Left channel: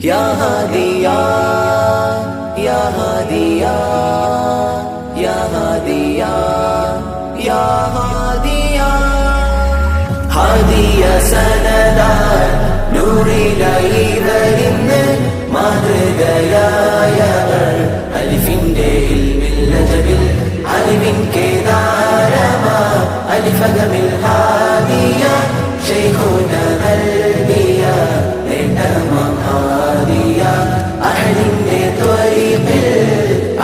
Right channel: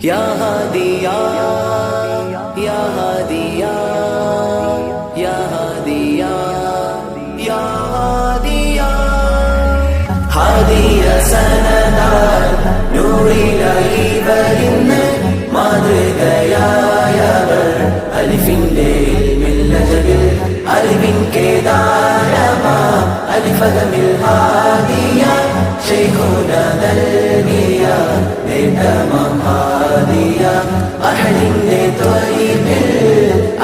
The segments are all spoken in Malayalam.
യാ ഹാദിയാ യാ ഹാദിയാ യാ ഹാദിയാ യാ ഹാദിയാ ഹാദിയ സനദാൻ നൂറിലായി വരുന്ന് മാതൃകയായവർ അലിഫിന്റെ ഇൽമിൽ അലിവിൻ കേദാരമാം അലിഫകമിൽ ഹാദിയ ശൈഖുന നൽകിയ നേട്ടമാം ഹാദിയ അഹദിന്റെ ത്വരീഖിൽ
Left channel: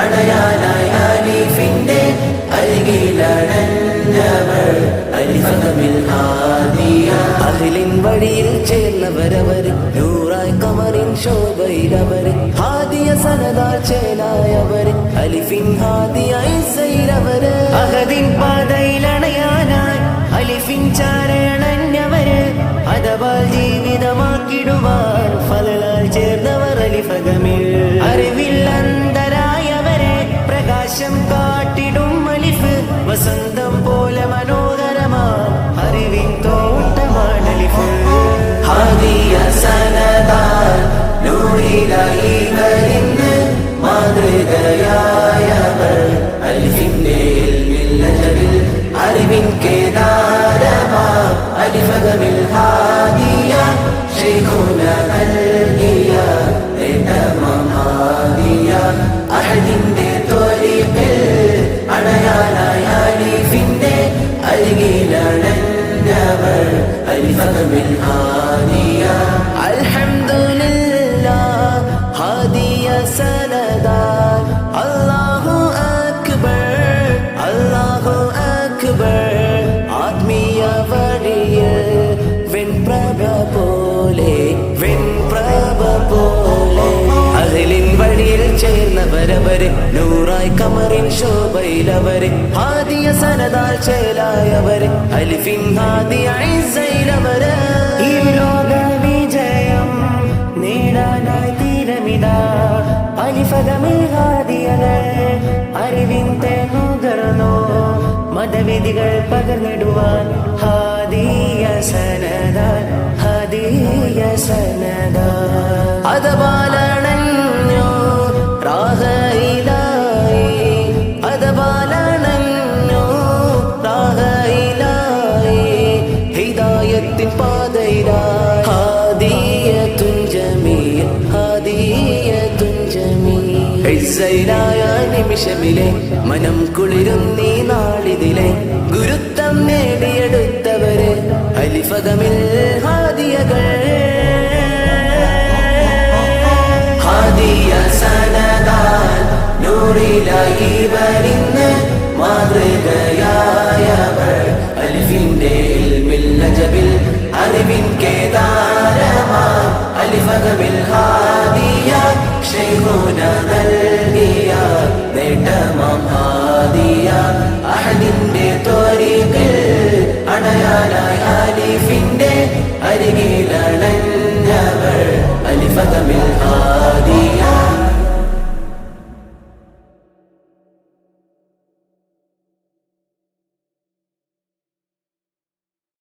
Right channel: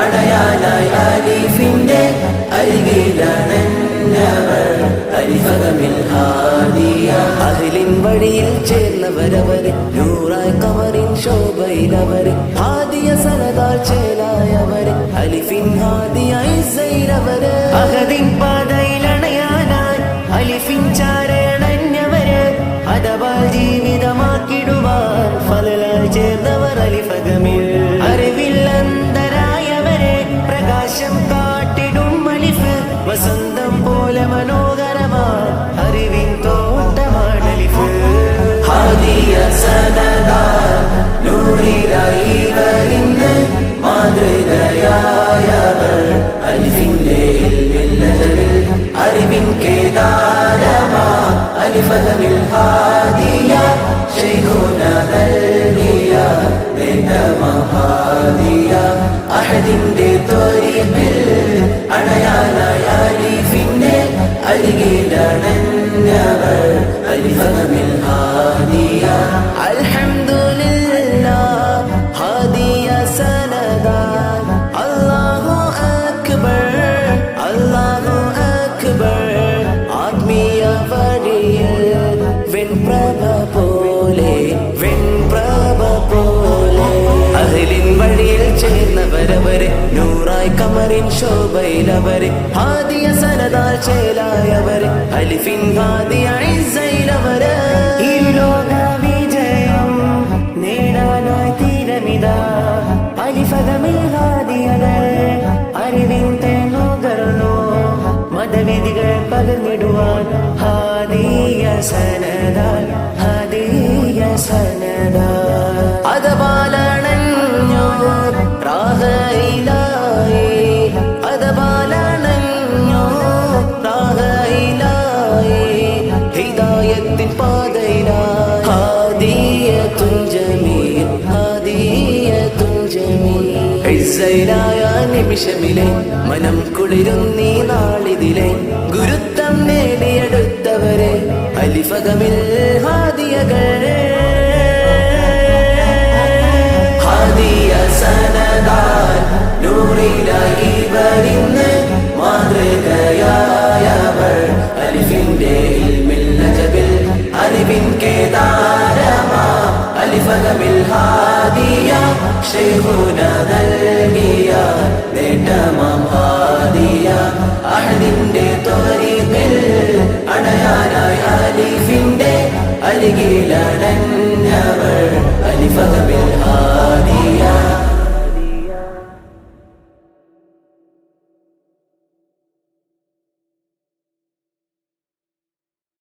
അടയാനായി അലിഫിന്റെ അരികിലണഞ്ഞവർ അലിഫകമിൽ ഹാദിയ അഹ്ലിൻ വഴിയിൽ ചേർന്നവരവര് നൂറായി കമറിൻ ശോഭയിലവര് ഹാദിയ സനദാൽ ചേലായവര് അലിഫിൻ ഹാദിയ ഇസ്സയിലവര് അഹദിൻ പാതയിലണയാനായി അലിഫിൻ ചാരയണഞ്ഞവര് അദബാൽ ജീവിതമാക്കിടുവാൻ ഫലലാൽ ചേർന്നവർ അലിഫകമിൽ അറിവിൽ അന്തരായവരെ പ്രകാശം കാട്ടിടും അലിഫ് വസന്തം പോലെ മനോഹരമാം അറിവിൻ തോട്ടമാണ് അലിഫ് ഹാദിയ സനദാൻ നൂറിലായി വരുന്ന് മാതൃകയായവർ അലിഫിന്റെ ഇൽമിൽ അറിവിൻ കേദാരമാം അലിഫകമിൽ ഹാദിയ ശൈഖുന നൽകിയ നേട്ടമാം ഹാദിയ അഹദിന്റെ ത്വരീഖിൽ അണയാനായി അലിഫിന്റെ അരികിലണഞ്ഞവർ അലിഫകമിൽ ഹാദിയ അൽഹംദുലില്ലാഹ് ഹാദിയ സനദാൻ അല്ലാഹു അക്ബർ അല്ലാഹു അക്ബർ ആത്മീയ വഴിയിൽ വെൺപ്രഭ പോലെ വെൺപ്രഭ പോലെ അഹ്ലിൻ വഴിയിൽ ചേർന്നവരവര് നൂറായി കമറിൻ ശോഭയിലവര് ഹാദിയ സനദാൽ ചേലായവര് അലിഫിൻ ഹാദിയ ഇസ്സയിലവര് ഈ ലോക വിജയം നേടാനായി തീരമിതാ അലിഫകമിൽ ഹാദിയകൾ അറിവിൻ തേനുകർന്നു മതവിധികൾ പകർന്നിടുവാൻ ഹാദിയ സനദാൽ ഹാദിയ സനദാൽ അദബാലണഞ്ഞോ റാഹയിലായി അദബാലണഞ്ഞോ റാഹയിലായി ഹിദായത്തിൻ പാതയിലായി ഹാദിയത്തുൻ ജമീൽ ഹാദിയത്തുൻ ജമീൽ ഇസ്സയിലായ നിമിഷമിലെ മനം കുളിരുന്നീ നാളിതിലെ ഗുരുത്വം നേടിയെടുത്തവര് അലിഫകമിൽ ഹാദിയകൾ ഹാദിയ സനദാൻ നൂറിലായി വരുന്ന് മാതൃകയായവർ അലിഫിന്റെ ഇൽമിൽ അജബിൽ അറിവിൻ കേദാരമാം അലിഫകമിൽ ഹാദിയ ശൈഖുന നൽകിയ നേട്ടമാം ഹാദിയ അഹദിന്റെ ത്വരീഖിൽ അണയാനായി അലിഫിന്റെ അരികിലണഞ്ഞവർ